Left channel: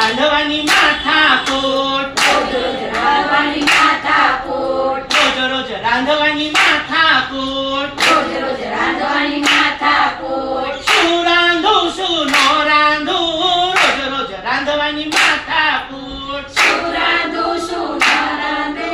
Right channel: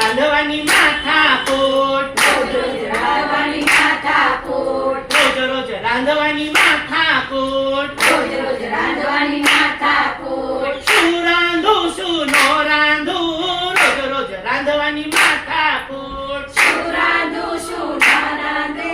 રોજ રાંધવાની માથાકૂટ રોજ રોજ રાંધવાની માથાકૂટ. રોજ રોજ રાંધવાની માથાકૂટ રોજ રોજ રાંધવાની માથાકૂટ. શું રાંધો શું નો રાંધો રોજ રોજ રાંધવાની માથાકૂટ શું રાંધો શું નો રાંધો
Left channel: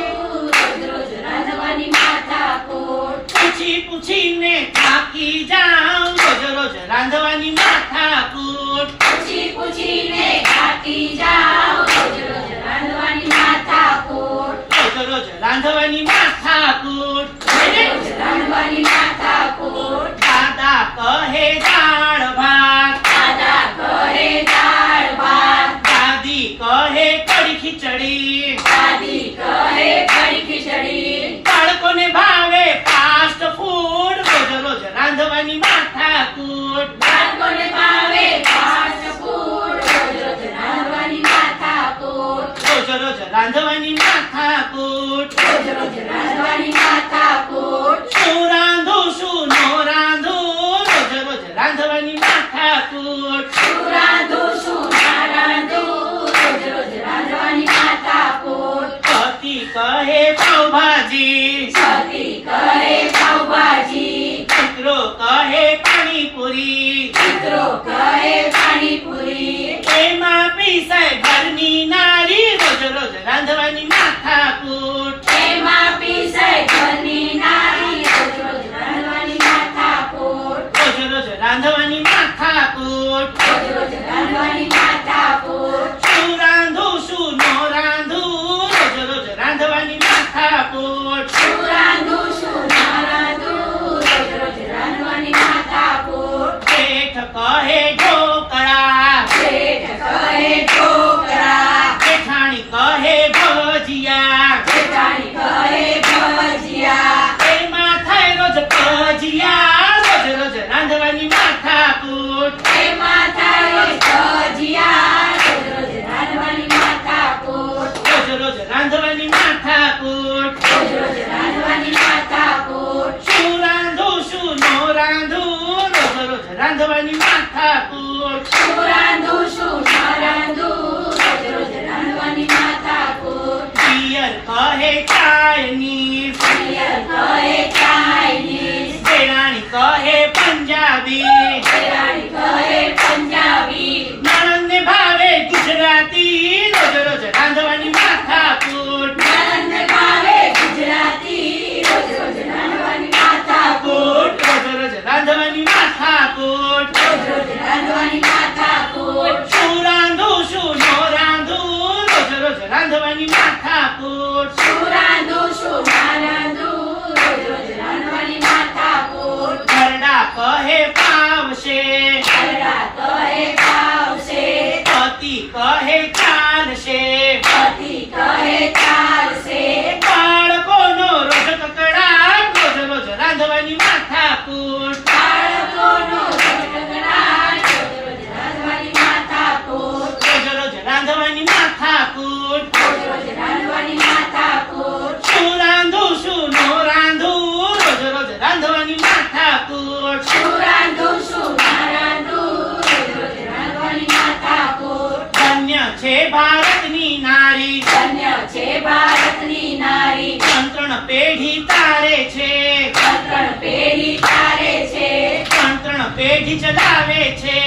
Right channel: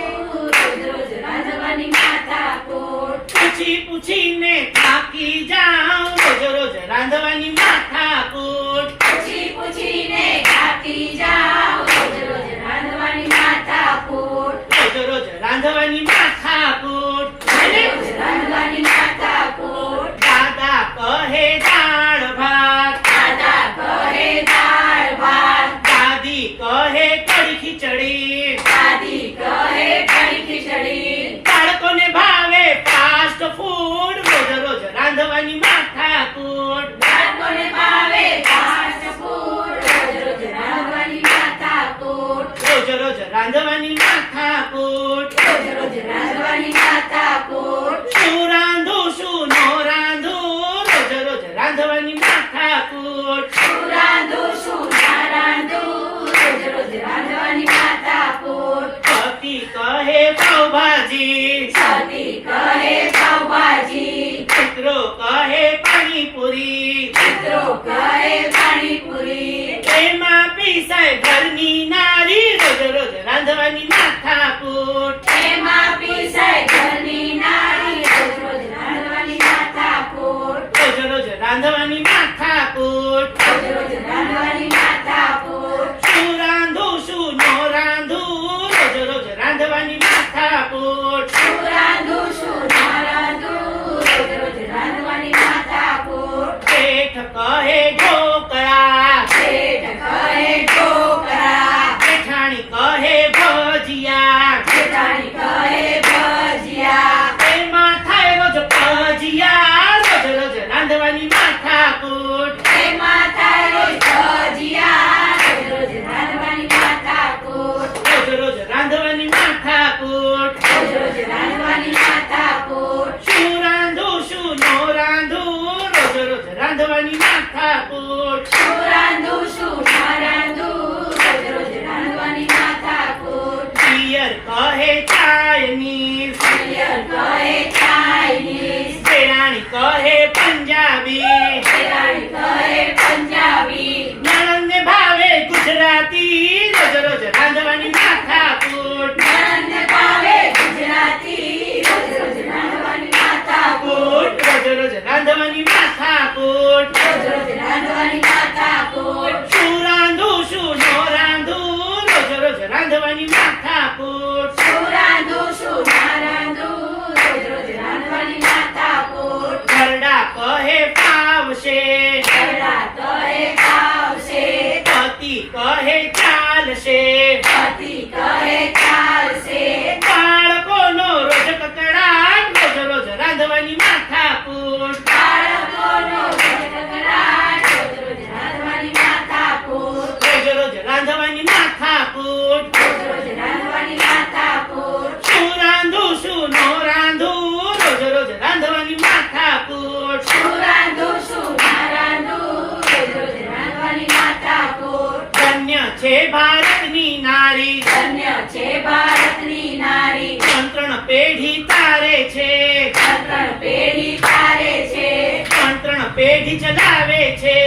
રોજ રોજ રાંધવાની માથાકૂટ. પૂછી પૂછીને થાકી જાઉં રોજ રોજ રાંધવાની માથાકૂટ પૂછી પૂછીને થાકી જાઓ. રોજ રોજ રાંધવાની માથાકૂટ. રોજ રોજ રાંધવાની માથાકૂટ રોજ રોજ રાંધવાની માથાકૂટ. દાદા કહે દાળ ભાત દાદા કહે દાળ ભાત. દાદી કહે કઢી ખીચડી દાદી કહે કઢી ખીચડી. બાળકોને ભાવે ફાસ્ટ ફૂડ રોજ રોજ રાંધવાની માથાકૂટ બાળકોને ભાવે fast food. રોજ રોજ રાંધવાની માથાકૂટ. રોજ રોજ રાંધવાની માથાકૂટ રોજ રોજ રાંધવાની માથાકૂટ. શું રાંધું શું નો રાંધું રોજ રોજ રાંધવાની માથાકૂટ શું રાંધું, શું ના રાંધું? રોજ રોજ રાંધવાની માથાકૂટ. પતિ કહે પાવભાજી સતી કહે પાવભાજી. મિત્રો કહે પાણીપુરી મિત્રો કહે પાણીપુરી. એમાં પીસાય ઘરની ના રાંધવાની માથાકૂટ. રોજ રોજ રાંધવાની માથાકૂટ રોજ રોજ રાંધવાની માથાકૂટ. શું રાંધું શું નો રાંધું રોજ રોજ રાંધવાની માથાકૂટ શું રાંધું, શું ના રાંધું? રોજ રોજ રાંધવાની માથાકૂટ. શેઠ કહે ઢોકળા શેઠ કહે ઢોકળા. જેઠાણી કહે ભજીયા જેઠાણી કહે ભજીયા. એમાં થાય રોજ ભજીયા રોજ રોજ રાંધવાની માથાકૂટ એમાં થાય રોજ ભજીયા. રોજ રોજ રાંધવાની માથાકૂટ. રોજ રોજ રાંધવાની માથાકૂટ રોજ રોજ રાંધવાની માથાકૂટ. શું રાંધું શું નો રાંધું રોજ રોજ રાંધવાની માથાકૂટ શું રાંધું, શું ના રાંધું? રોજ રોજ રાંધવાની માથાકૂટ. પિયર કહે ચાયની પિયર કહે ચાઇનીઝ. દેરાણી કહે પંજાબી દેરાણી કહે પંજાબી. નણંદને ભાવે ગુજરાતી રોજ રોજ રાંધવાની માથાકૂટ નણંદને ભાવે ગુજરાતી. રોજ રોજ રાંધવાની માથાકૂટ. રોજ રોજ રાંધવાની માથાકૂટ રોજ રોજ રાંધવાની માથાકૂટ. શું રાંધું શું નો રાંધું રોજ રોજ રાંધવાની માથાકૂટ શું રાંધું, શું કહે પાવશે કહે ભાવશે. પતિ કહે ચાલશે પતિ કહે ચાલશે. બાળકોનો રોજ કકડા રોજ રોજ રાંધવાની માથાકૂટ બાળકોનો કકડાટ. રોજ રોજ રાંધવાની માથાકૂટ. રોજ રોજ રાંધવાની માથાકૂટ રોજ રોજ રાંધવાની માથાકૂટ. શું રાંધું શું નો રાંધું રોજ રોજ રાંધવાની માથાકૂટ શું રાંધું, શું ના રાંધું? રોજ રોજ રાંધવાની માથાકૂટ. ધન્ય છે ભારતની નારી ધન્ય છે ભારતની નારી. ત્રણ પેઢી તારે છે ત્રણ પેઢી તારે છે. ત્રણ પેઢી ચલાવે છે